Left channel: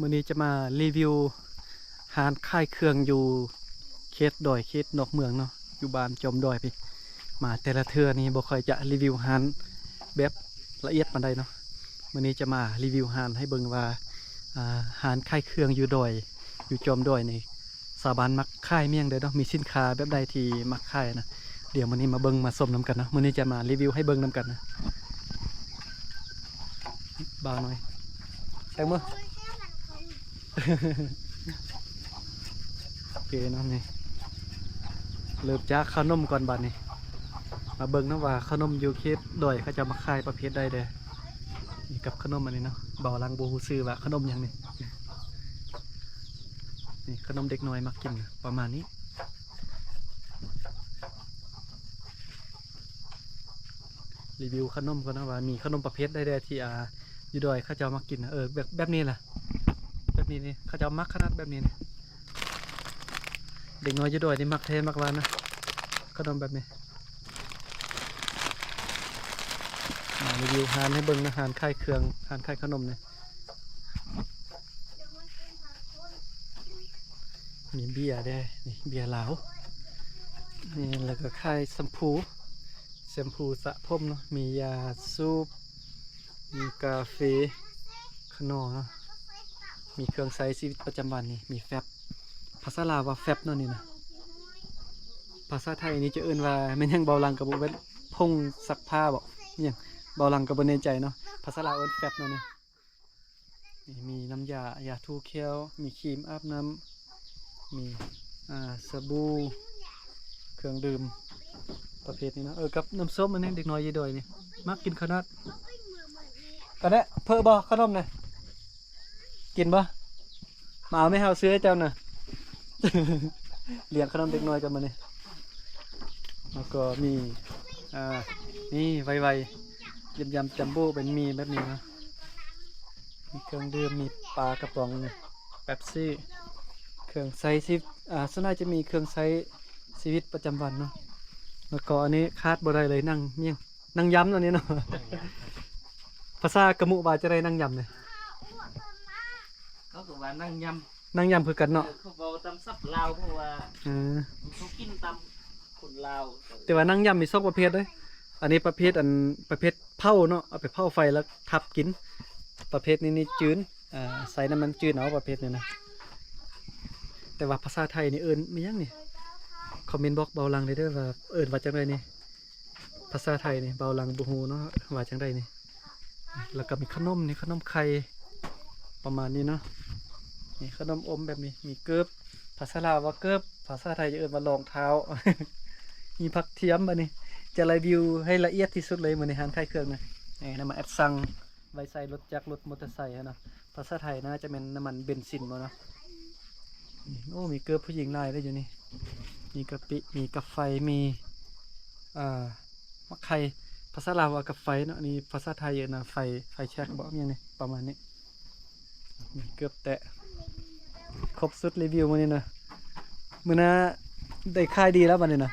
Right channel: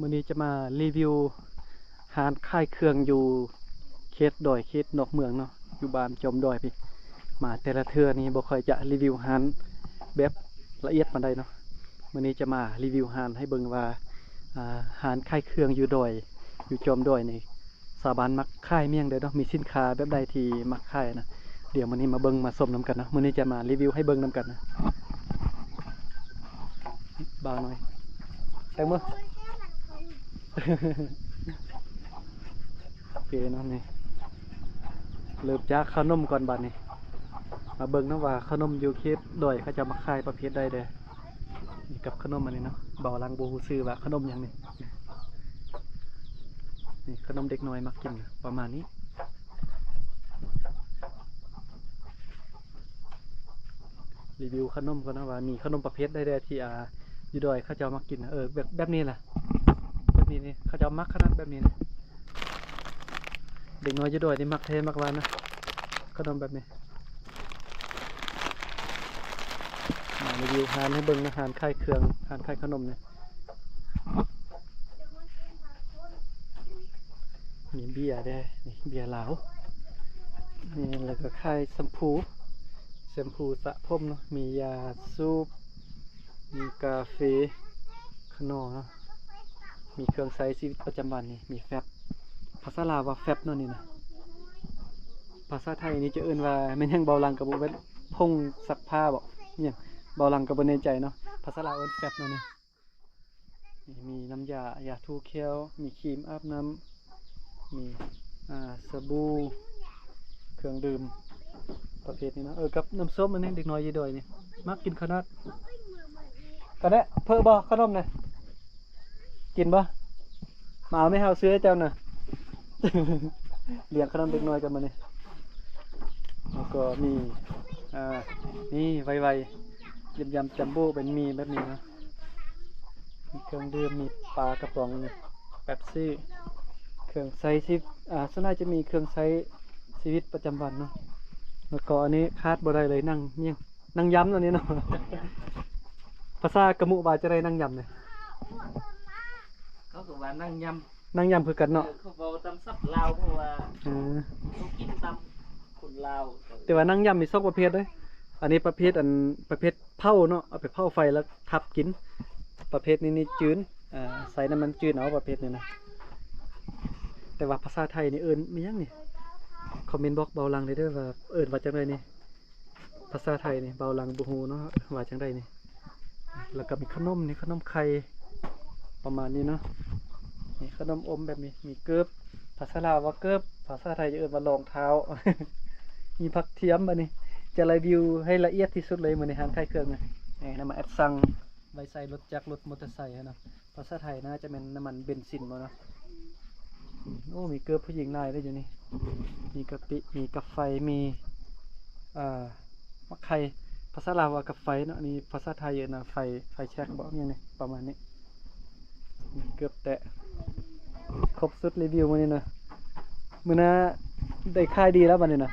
มื้อนี้จะมารีวิวร้านขายเครื่องอยู่เขตดอยเขตนอกเมืองเนาะอยู่บ้านจอมดอยพี่มาแต่ละเทื่อนี้บ่ค่อยจะรีวิวร้านแบบละเอียดปานใดเนาะมื้อนี้จะมารีวิวร้านให้เบิ่งว่าร้านขายเครื่องอยู่ดอยอยู่จอมดอยนี่สาวบ้านมักขายเมี่ยงเด้อเนาะมีสินค้าแบบใดที่มักขายนะเดี๋ยวมื้อนี้มาเบิ่งมาชมนํกันนะมื้อนี้จะมารีวิวให้เบิ่งนํกันนะบ่าวหน่อยแตงมือ โอเคเนาะนี่เริ่มจากขนมก่อนบัดนี้มาเบิ่งนะว่าขนมอยู่เขตดอยเขาจะมาขายประเภทใดเด้อนี่กับขนมอันนี้เนาะเบาลังบ่ฮู้ชื่อว่าขนมหยังนี่นี่ขนมเด็กน้อยมักกินประมาณนี้รีวิวขนมก่อนนะว่ามีขนมประเภทใดๆที่อยู่ดอยเขาจะมากินแบบนี้ล่ะแบบนี้นี่เขาจะมักขนาดแบบนี้นะเด็กน้อยอยู่ดอยนี่มักเทมักหวานนะขนมแบบนี้มารีวิวร้านให้เบิ่งนะร้านขายเครื่องร้านขายขนมเนี่ยมีเบียร์ได้นี่เบียร์ลาวนี่แล้วก็ขายแชมพูสระผมเนาะมียาสูบมีกาแฟขนมเนาะมีเครื่องใช้ชีวิตประจำวันนี่มีแฟบภาษาลาวว่าแฟบเนาะนี่นะภาษาไทยนี่จะเอื่นว่าแม่นยังเบาลังกับบุเป็นพงซักผ้าบอกเนี่ยเบาลังกับบนในใจเนาะภาษาลาวเอิ้นแฟบเนาะนี่มีน้ำยาทูเคียวมีครีมอาบน้ำมีสบู่เครื่องดื่มประเภทนี้นะกับน้ำส้มอันนี้เด็กน้อยยีดอยนี่มักกินขนาดก็ได้เพิ่มบ่ขนมน่ะกินบ่มาเอาไม่เฮาซื้อให้เจ้าน่ะ เลี้ยงขนมเด็กน้อยกันมาเนี่ยแล้วก็มีนี่ไวๆยำจัมโบ้เป็นมีแบบนี้นะมีเครื่องดื่มมีปลากระป๋องเป๊ปซี่เครื่องใช้ชีวิตส่วนใหญ่จะมีเครื่องใช้ชีวิตประจำวันเนาะแล้วก็อันนี้คาดบ่ได้เลยนั่งเมี่ยงนั่งยำตัวนี้เนาะ ภาษากระมุบาจะได้นั่งยำเนี่ยเขาบอกว่านั่งยำคือกันเนาะเขาบอกตำซับลาวเพราะว่าเขากินตำคนลาวแต่ว่านั่งยำมี2ประเภทเลยอันนี้ประเภทเผาเนาะเอาไปเผาไฟแล้วทับกินประเภทนี้นี่จืดใส่น้ำมันจืดเอาประเภทนี้นะแต่ว่าภาษาไทยนี่เอิ้นมีหยังนี่คอมเมนต์บอกเบาลังเลยเด้อว่าเอิ้นว่าจังไดนี่ภาษาไทยนี่เบาลังบ่ฮู้เนาะว่าจังไดนี่แล้วก็มีขนมนี่ขนมไข่ประมาณนี้เนาะนี่ขนมอมแบบนี้มีเกิบภาษาลาวว่าเกิบภาษาไทยจะเอิ้นว่ารองเท้า มีผักเทียมอันนี้จะรีวิวให้ละเอียดที่สุดเลยเหมือนในร้านขายเครื่องนะน้ำมันแอดซังไว้ใส่รถจักรรถมอเตอร์ไซค์นะภาษาไทยนะจะเป็นน้ำมันเบนซินมาเนาะโอ้มีเกลือผู้หญิงลายได้อยู่นี่มีกะปิมีกาแฟมีมะไข่ภาษาลาวว่ากาแฟเนาะนี่ภาษาไทยเยอะนะไฟแช็กบอกอย่างนี้ประมาณนี้เกือบแตะครบสุดรีวิวมานี่นะมื้อน่ะได้ค่ายดีแล้วบัดนี้นะ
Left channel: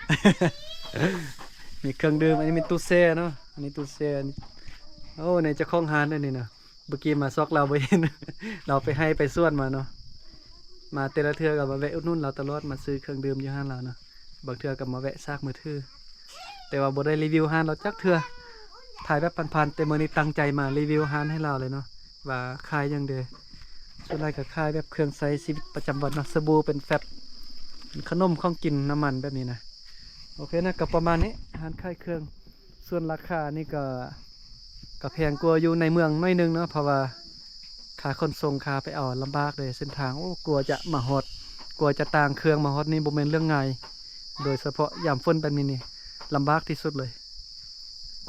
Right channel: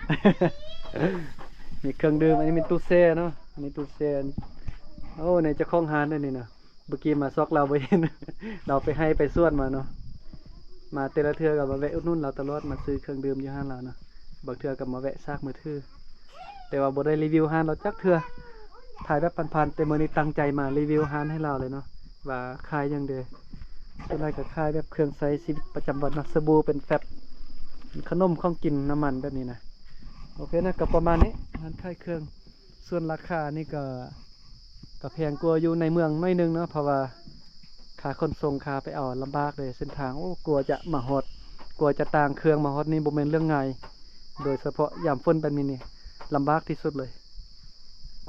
มีเครื่องดื่มอันนี้เป็นตู้แช่เนาะอันนี้ตู้แช่โอ้ในเจ้าของร้านด้วยนี่นะเมื่อกี้มาซอกเราไปเห็น เราไปให้ไปส่วนมาเนาะมาแต่ละเทื่อกับมาแวะอุดหนุนเราตลอดมาซื้อเครื่องดื่มอยู่ห้างเราเนาะบางเทื่อกับมาแวะซากมือถือแต่ว่าบ่ได้รีวิวร้านเราจักเทื่อถ่ายแบบผ่านๆแต่มื้อนี้ตั้งใจมารีวิวร้านให้เราเลยเนาะว่าขายยังเด้อส่วนใหญ่ก็ขายแบบเครื่องใช้ชีวิตประจำวันเนาะสบู่เป็นแฟบขนมของกินน้ำมันแบบนี้นะโอเคนะกับประมาณนี้ร้านขายเครื่องส่วนราคานี่ก็แพงกว่าอยู่ในเมืองน้อยนึงเนาะเพราะว่าค่าขนส่งค่าไปเอาลำบากเลยเส้นทางโอ้กลัวจะมาฮอดกลัวจะต่างเครื่องมาฮอดนี่บ่แม่นเรื่องง่ายโดยเฉพาะยามฝนแบบนี้นี่ลำบากที่สุดเลย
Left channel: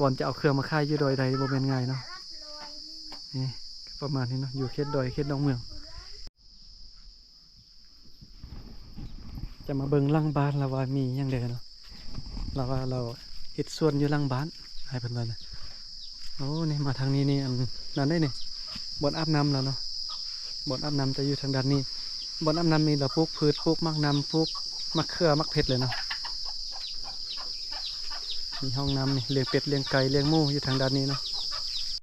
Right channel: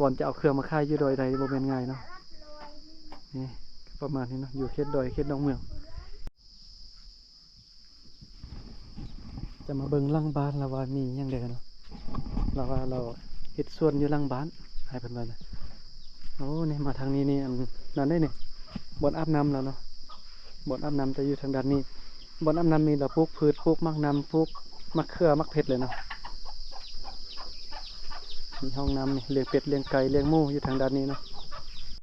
ก่อนจะเอาเครื่องมาขายอยู่ดอยใดบ่แม่นง่ายเนาะนี่ประมาณนี้เนาะอยู่เขตดอยเขตนอกเมืองจะมาเบิ่งหลังบ้านแล้วว่ามีหยังเด้อเนาะแล้วว่าเราเฮ็ดสวนอยู่หลังบ้านให้เพิ่นว่านะโอ้นี่มาทางนี้นี่อันนั้นได้นี่บ่อนอาบน้ำแล้วเนาะบ่อนอาบน้ำจะอยู่ทางด้านนี้บ่อนอาบน้ำมีเราปลูกพืชปลูกมักน้ำปลูกมะเขือมักเผ็ดเลยเนาะมีห้องน้ำนี่เลี้ยงเป็ดเลี้ยงไก่เลี้ยงหมูอยู่ทางด้านนี้เนาะ